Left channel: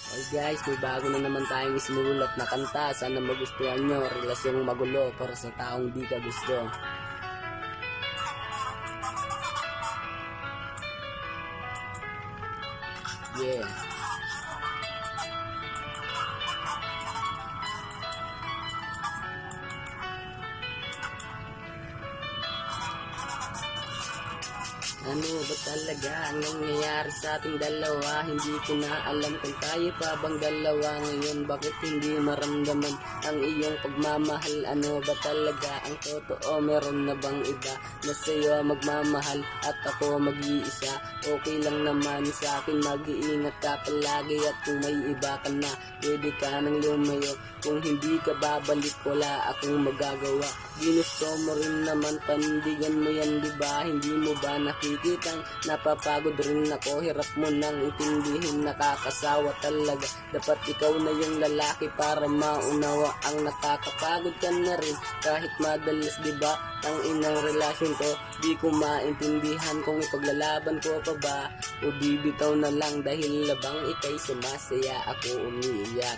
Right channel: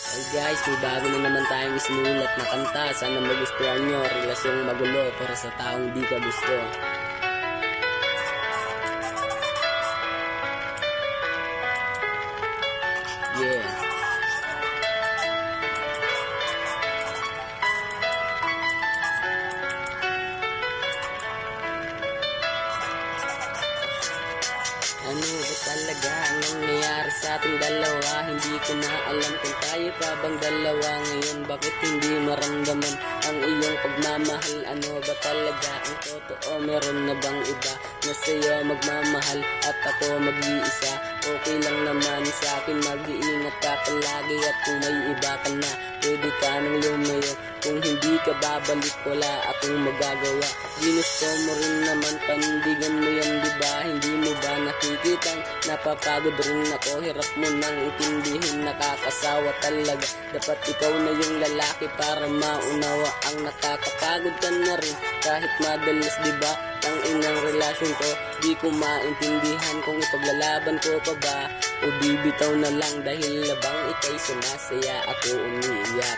Hey guys, may bago na naman tayong isinulat na kanta. Sana magustuhan nyo. Relasyong magulo para sa taong di ka gusto. Yeah. Ano ba talaga ang nangyayari sa ating dalawa? Hindi ko na alam kung tayo pa bang dalawa ngayon. Bakit hindi maramdaman ang iyong pagmamahal? Ano ba talaga ang totoo? Meron na bang iba na sa'yo magmamahal at ako mag-iisa? Okay lang naman sa akin, mag-iingat ka palagi. At kung may iba ka na, pwede ka nang lumayo. Kung hindi ka babalik, wala akong magagawa. Ginusto mo rin naman, panindigan mo yan, diba? Hindi mo ba nakikitang napapagod rin ako? Hirap mo nang itindihin, nakakasawa talaga. Dapat ikaw na yung lalaki para maunawa. Ang nakakapagod ka na rin kahit madalas, diba? Ang inang relasyon to, di ko maintindihan kung ipaglalaban ko pa ba o bibitaw na lang dahil labang ikay sumasaya, ako umiiyak.